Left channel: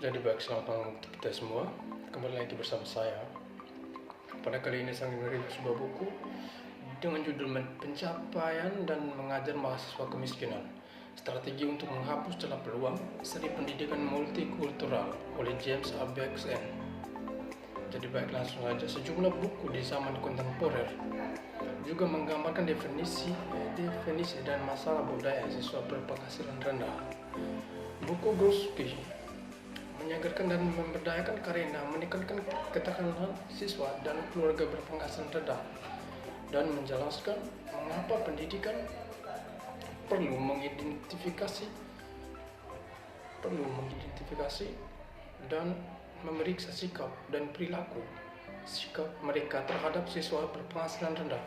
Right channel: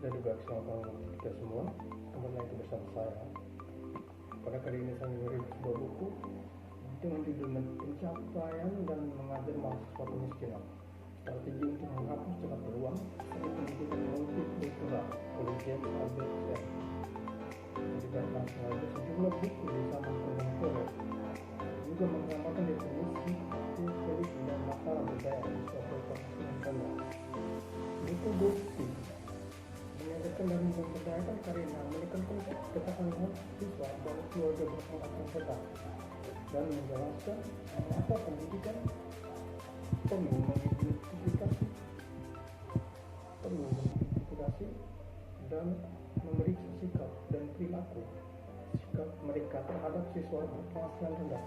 Jadi baik, selamat malam untuk kita semua. Kembali lagi bersama saya. Pada kali ini saya merilis sebuah buku dengan judul Pencapaian dan Mengajar Mahasiswa Kemiskinan, Strategi untuk Menghapus Celah Peluang Seni Pendidikan Multikultural oleh James Albertsen. Jadi baik, langsung aja. Sejumlah buku di zaman kontemporer juga menggambarkan definisi dan masalah budaya siswa berpenghasilan rendah. Buku Brodsky menyadarkan dan memberdayakan karena menekankan ketahanan siswa dan keluarga berpenghasilan rendah dan menjelaskan mengapa pendidikan perlu mengidentifikasi dan memeriksa sikap dan perilaku mereka terhadap siswa berpenghasilan rendah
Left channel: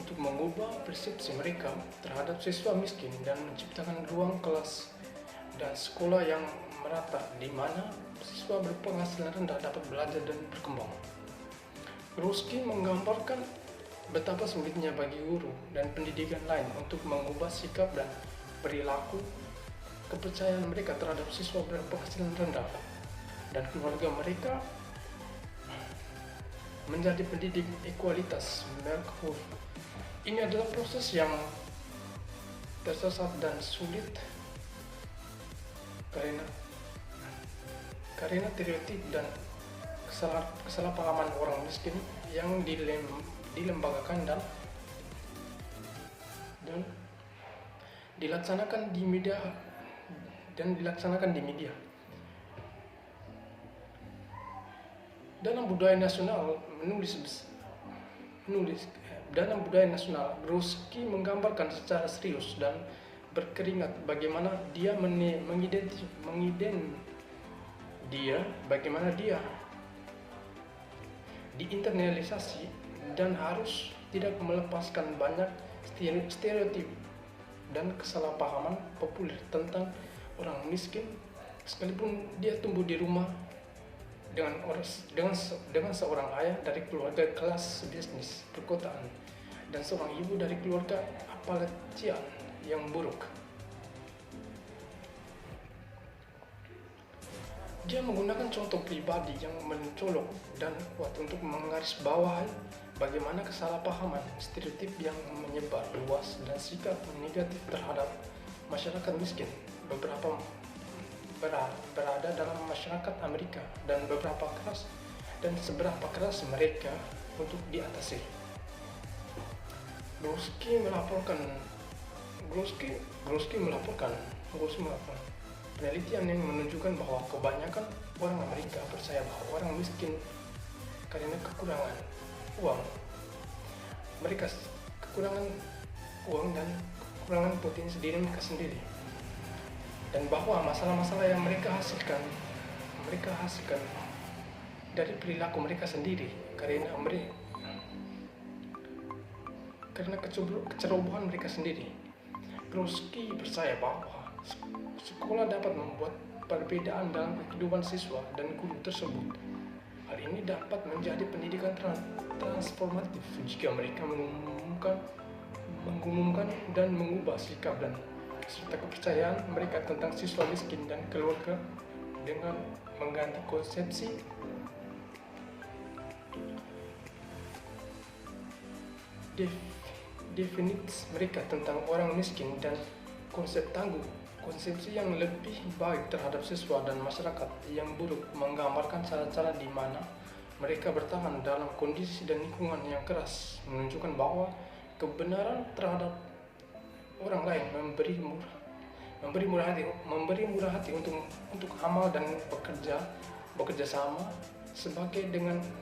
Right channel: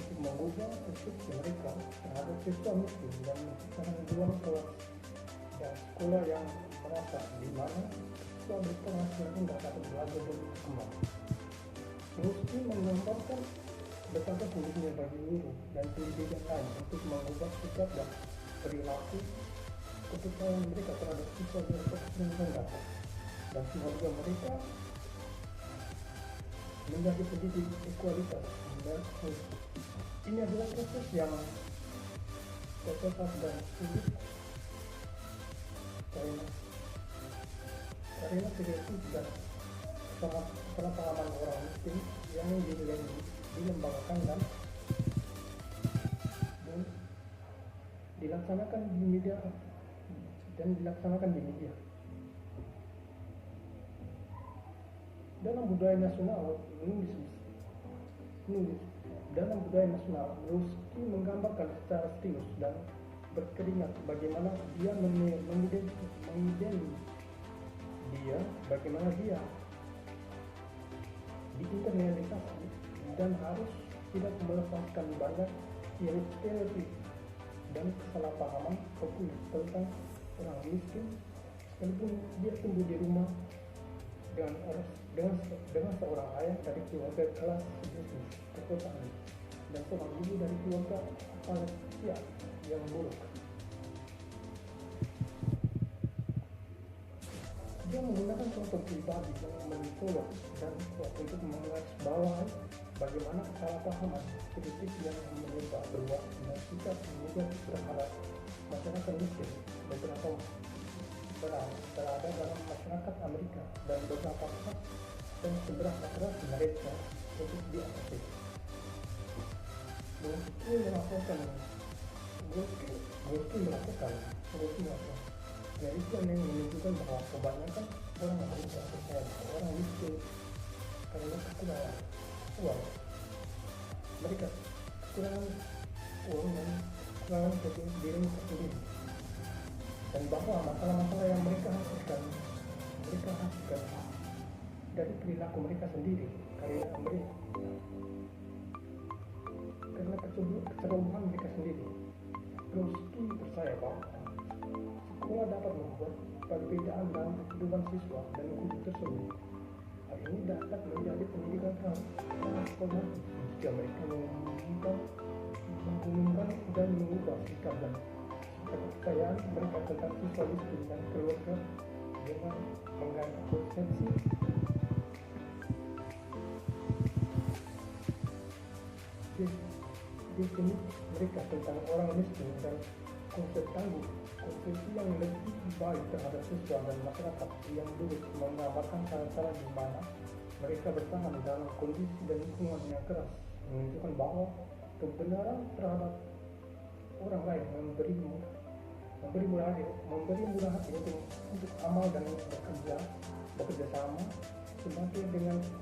untuk mengubah persepsi mereka terhadap siswa miskin dan menciptakan ruang kelas dan sekolah yang merata di mana siswa berpenghasilan rendah dapat belajar dan berkembang. Brodsky menggambarkan betapa sulitnya bagi guru dan pendidikan lain untuk mengubah sikap dan perilaku kepercayaan mereka terhadap siswa berpenghasilan rendah dan keluarga mereka menjadi pendidik ekualitas berhubung. Ini adalah proses yang tersesat dan sulit karena stereotip dan kesalahpahaman orang miskin yang dilembagakan dan dilaksanakan di media dalam budaya nasional. Dalam budaya nasional, Brodsky menggambarkan secara serius dan berkeringat bagaimana dia diinternalisasi dan harus tidak melepaskan banyak stereotip dan kesalahpahaman populer tentang orang miskin, sekalipun dia tumbuh di rumah dengan seorang ayah dari keluarga kelas bisnis perkotaan dan seorang ibu dari keluarga Appalachian yang buruk. Dia menggunakan contoh pribadi yang mencolok dan kuat untuk menggarisbawahi bagaimana kesalahpahaman, stereotip yang menyebar luas dan sikap negatif terhadap masyarakat miskin berada dalam masyarakat Amerika dan seberapa keras mereka untuk diatasi. Brodsky melaporkan penelitian yang menunjukkan bahwa kebanyakan orang Amerika percaya bahwa orang miskin karena kekurangan uang dan kekurangan potensi diri mereka sendiri, dan bahwa masalah-masalah yang mereka hasilkan dari perilaku mereka sendiri karena kecerobohan mereka sendiri. Brodsky percaya bahwa sekolah dapat membuat perbedaan dalam kehidupan siswa dan guru tersebut. Hal ini dapat menjadi pendidikan transformatif jika mereka mengumumkan dan mengubah sikap dan serta kepercayaan mereka tentang siswa miskin dan keluarga dengan mengganti konsepsi definisi mereka tentang orang miskin dan konsepsi yang lebih baik terhadap siswa dan masyarakat yang buruk, menggambarkan cara-cara di mana mereka bertahan dalam kondisi dan lingkungan yang keras, menunjukkan bahwa kebenaran terhadap orang lain memberi murah hati untuk amal dan bekerja sama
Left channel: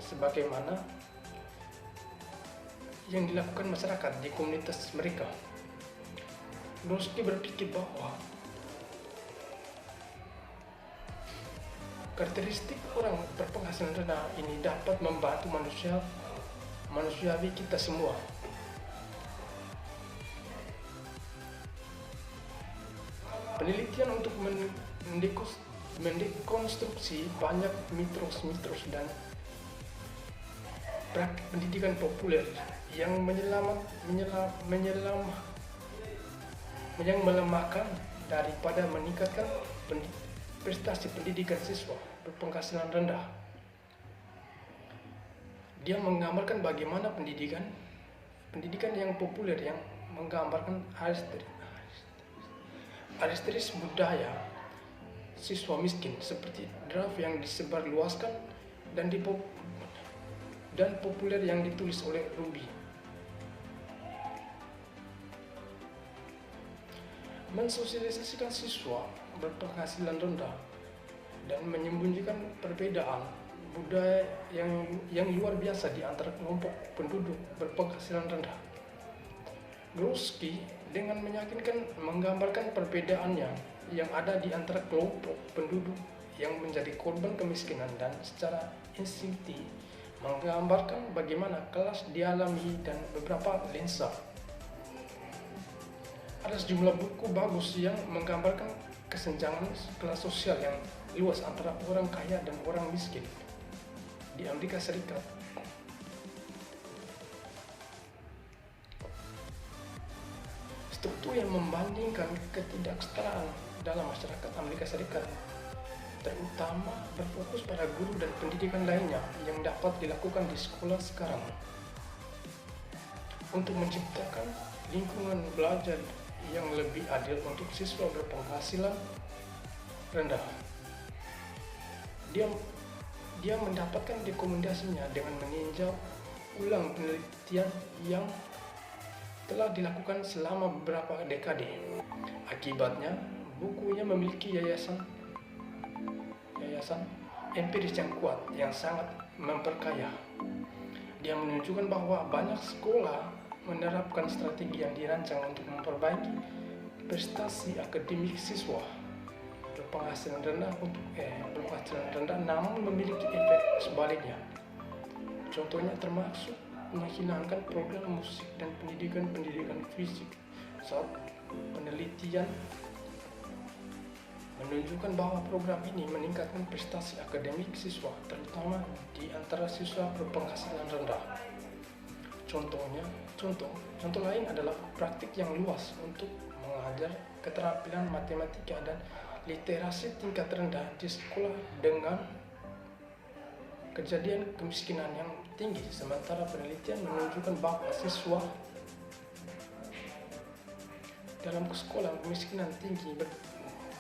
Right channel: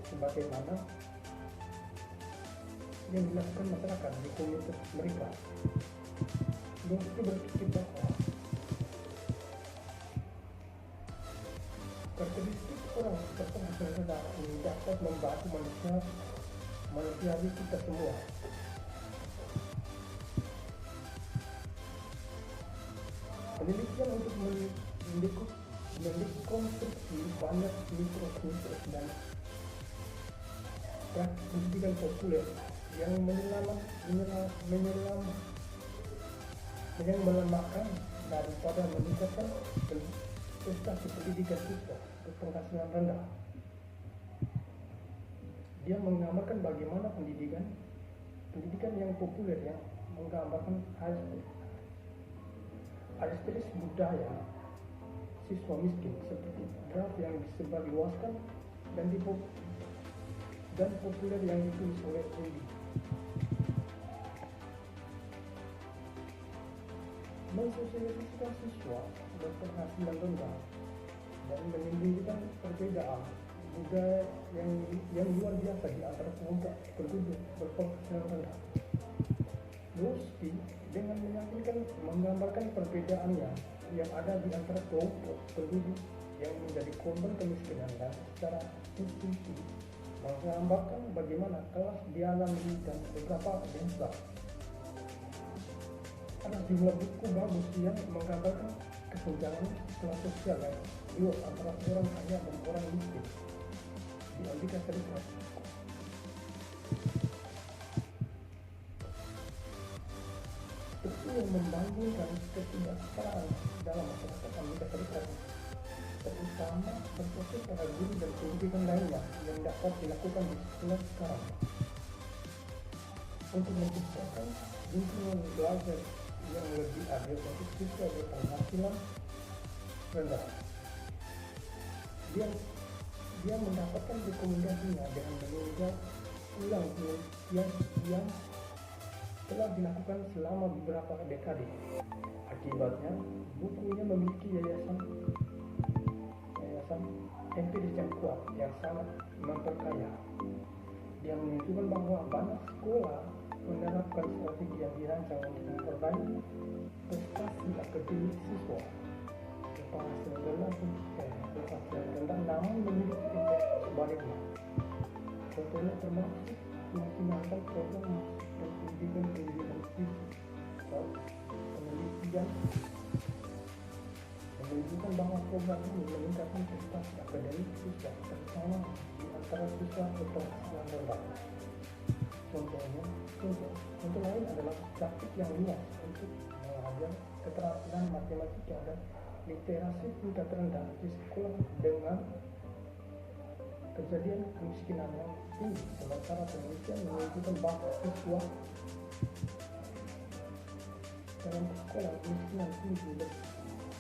sebagaimana yang dilakukan masyarakat di komunitas mereka. Brodsky berpikir bahwa karakteristik orang berpenghasilan rendah ini dapat membantu manusiawi kita semua. Penelitian untuk mendekonstruksi banyak mitos dan praktik pendidikan populer yang melemahkan daripada meningkatkan prestasi pendidikan siswa berpenghasilan rendah. Dia menggambarkan bagaimana pendidikan yang populer yang menggambarkan aristis budaya siswa miskin seperti draft yang disebarluaskan dan populer yang ditulis oleh Ruby. Mensosialisasikan siswa berpenghasilan rendah dan menyembunyikan perbedaan budaya yang luar biasa di antara kelompok penduduk berpenghasilan rendah. Brodsky dengan meyakinkan menggambarkan perbedaannya yang ada di antara kelompok penduduk yang menjadi korban kemiskinan dan secara instinktif menggambarkan bagaimana kelas dialami dan beberapa lensa. Ada sejumlah buku bagus yang menggambarkan kesenjangan kelas sosial yang luas antara orang kaya dan orang miskin di Amerika Serikat. Struktur yang membandingkan ketidaksetaraan dalam masyarakat Amerika Serikat terutama berfokus pada guru dan pendidikan lainnya yang dapat dilakukan di sekolah sekarang untuk menciptakan lingkungan belajar yang lebih adil untuk siswa berpenghasilan rendah. Dia mendapatkan rekomendasinya dengan meninjau ulang penelitian yang telah dilakukan selama beberapa dekade. Akibatnya, bukunya memiliki yayasan empiris yang kuat yang sangat memperkaya. Dia menunjukkan bahwa banyak sekolah menerapkan strategi yang dirancang untuk memperbaiki prestasi akademik siswa berpenghasilan rendah namun memiliki efek sebaliknya. Contohnya termasuk menghilangkan program musik dan pendidikan fisik. Saat penelitian menunjukkan bahwa program ini meningkatkan prestasi akademik siswa, terutama di antara siswa berpenghasilan rendah. Contoh lain adalah praktik yang luas untuk mengajar keterampilan matematika dan literasi tingkat rendah di sekolah dengan kejadian kemiskinan yang tinggi, sementara penelitian menunjukkan bahwa siswa dalam sekolah kemiskinan tinggi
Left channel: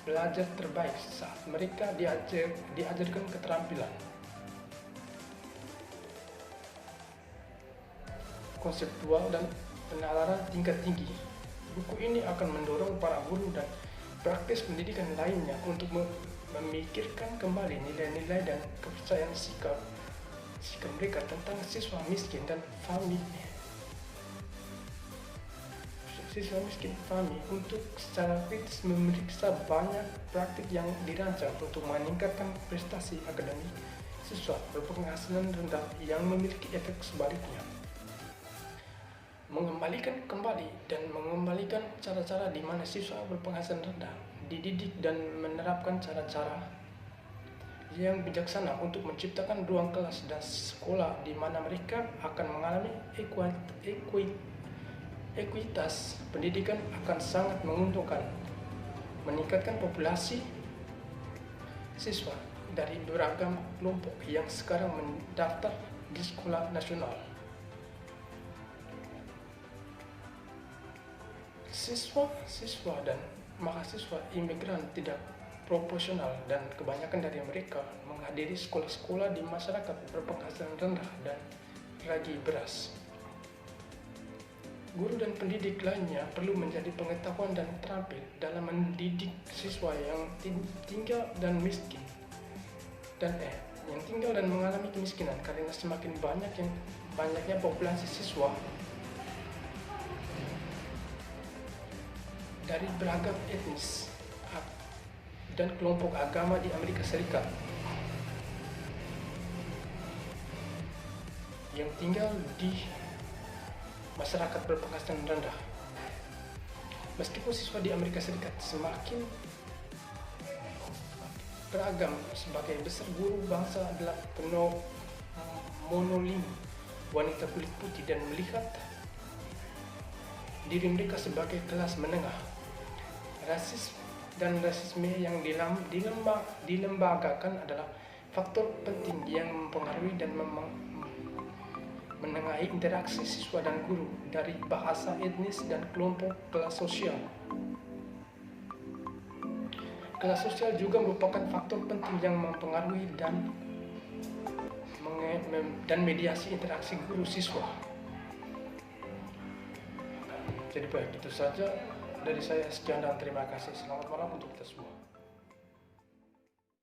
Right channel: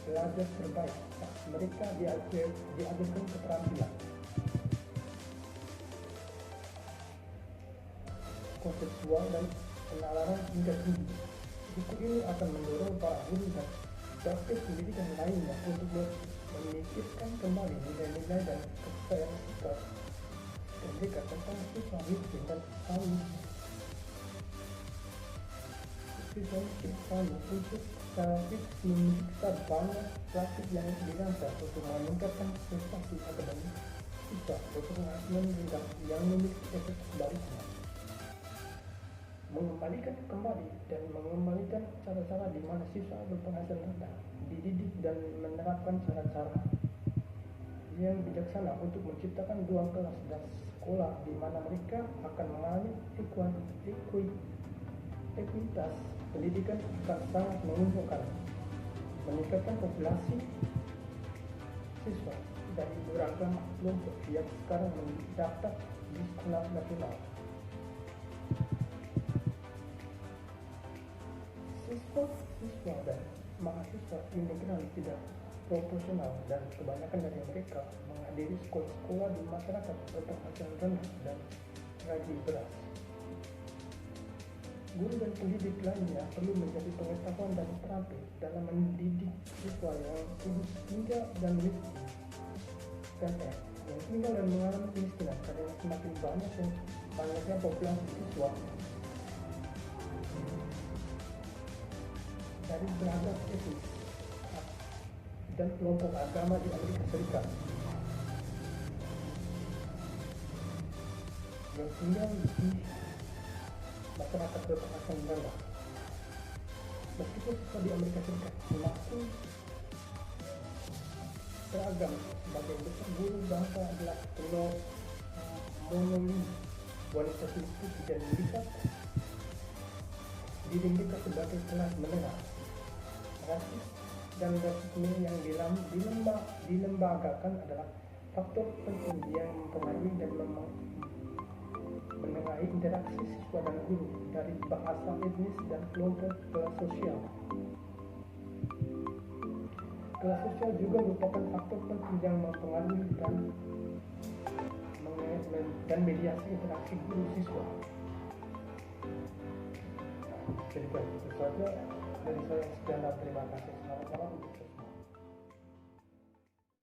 belajar terbaik saat mereka diajarkan keterampilan konseptual dan penalaran tingkat tinggi. Buku ini akan mendorong para guru dan praktis pendidikan lainnya untuk memikirkan kembali nilai-nilai dan kepercayaan sikap mereka tentang siswa miskin dan FAMI untuk secara kritis memeriksa banyak praktik yang dirancang untuk meningkatkan prestasi akademik siswa berpenghasilan rendah yang memiliki efek sebaliknya. Mengembalikan cara-cara di mana siswa berpenghasilan rendah dididik dan menerapkan cara-cara yang bijaksana untuk menciptakan ruang kelas dan sekolah di mana mereka akan mengalami ekuitas pendidikan akan sangat menguntungkan, meningkatkan populasi siswa dari beragam kelompok yang sekarang mendaftar di sekolah nasional. Siswa dan mahasiswa imigran tidak proporsional dan kebanyakan dari mereka menghadiri sekolah-sekolah di masyarakat berpenghasilan rendah dan ragi beras. Guru dan pendidik lainnya perlu menjadi pengetahuan dan terampil dalam mendidik siswa yang tinggal dan mengalami kemiskinan karena semakin banyaknya populasi siswa dari beragam etnis dan kelompok agama di Amerika Serikat yang tinggal di masyarakat berpenghasilan rendah. Meskipun siswa di Amerika Serikat semakin beragam, sebagai besar guru bangsa adalah monolim wanita kulit putih dan melihat diri mereka sebagai kelas menengah. dan rasisme yang dilembagakan adalah faktor penting yang mempengaruhi dan menengahi interaksi siswa dan guru dari bahasa etnis dan kelompok kelas sosial. Kelas sosial juga merupakan faktor penting yang mempengaruhi dan mediasi interaksi guru siswa. Jadi baik, itu saja dari saya. Sekian dan terima kasih. Selamat malam untuk kita semua.